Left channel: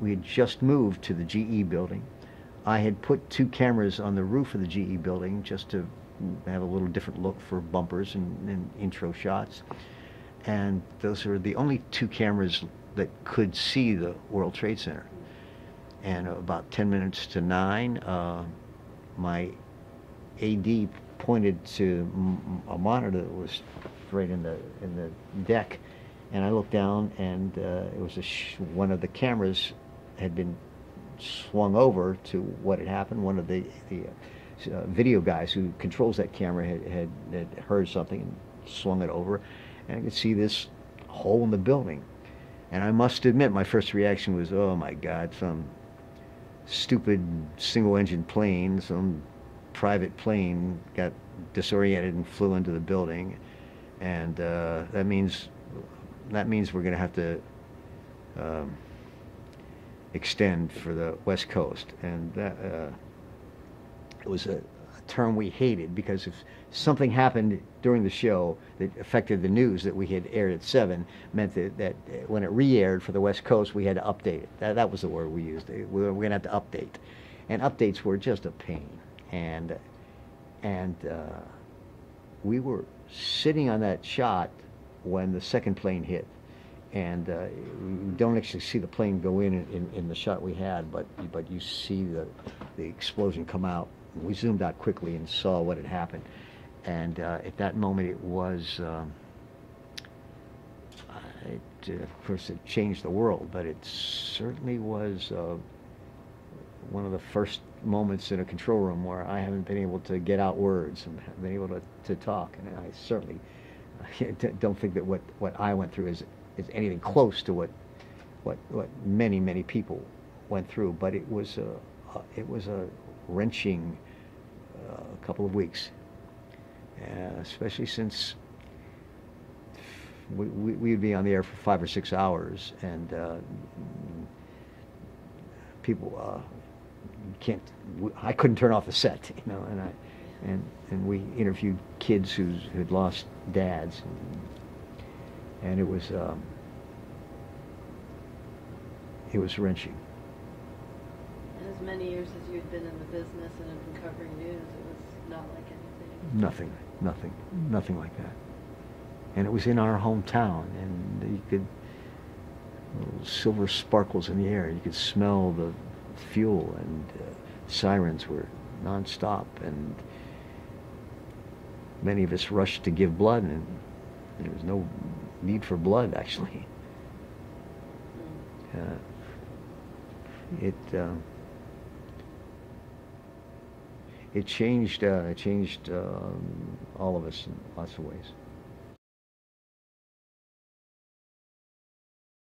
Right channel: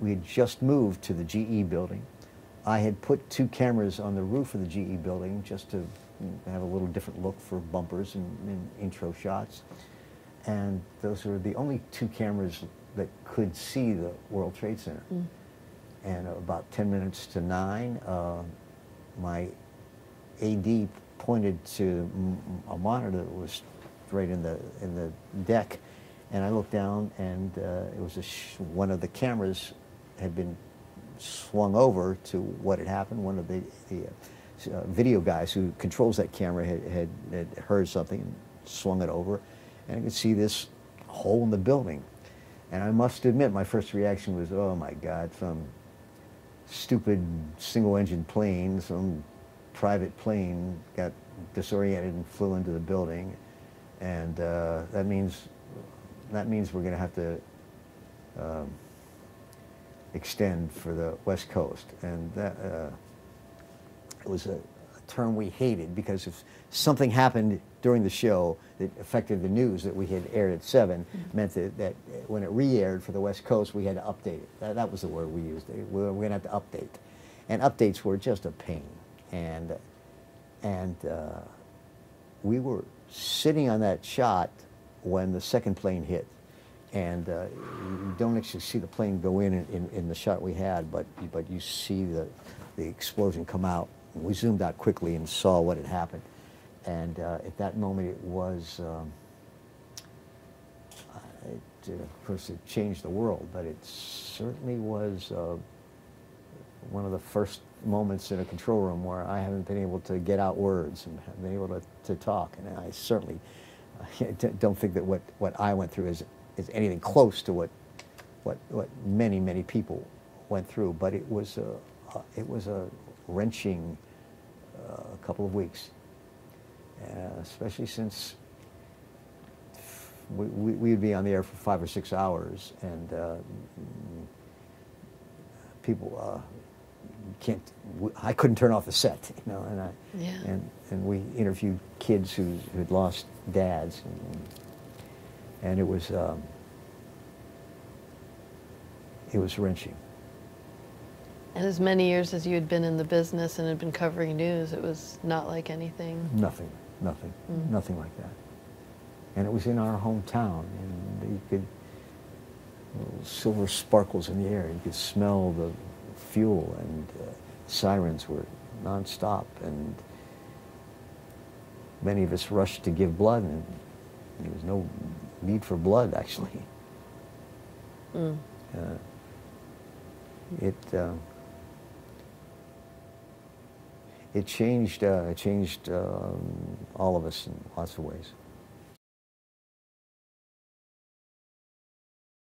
We had just moved to the GE building. I had put 2 cameras on the roof of the GE building just to have a little different look for bumpers and intro shots. And those were the only 2 cameras that could see the World Trade Center. And about 10 minutes to 9, my AD pointed to a monitor that was right in the deck, and I looked down, and it was one of the cameras had been swung over to what had happened. One of the video guys who controls that camera had heard something and swung it over, and I could see this hole in the building. And I must admit, my first reaction was, oh my God, some stupid single-engine plane, some private plane got disoriented and flew into the building, and that means we're going to have to extend for the West Coast. And that was a term we hated, because if something happened during the show that affected the news that we had aired at 7, meant that when it re-aired for the West Coast, we had to update it. That was the word we used. We're going to have to update. And updates were just a pain. And we were sitting on that shot when the second plane hit. And you don't actually see the plane go in the shot we had, but you see the explosion come out. We zoomed out quickly and saw what had happened. And at that moment, it was, of course, it changed the world, but it certainly was one of the first moments in a control room where I haven't been able to get out words and haven't been able to talk. And I certainly don't think that what I went through is anything close to what many people went through. But it was a wrenching couple of weeks, especially since we'd be on the air for 5 or 6 hours, and people I couldn't turn off the set, you know, and we interviewed kids who had lost dads, and it was wrenching. And as many years as you had been in the business and had been covering news, it was not like anything? Nothing like that. And it was in our hometown, and you could, silver sparkles in the air, you could smell the fuel, and sirens were nonstop, and many of us rushed to give blood, and there was no need for blood, actually. It changed all of us in lots of ways.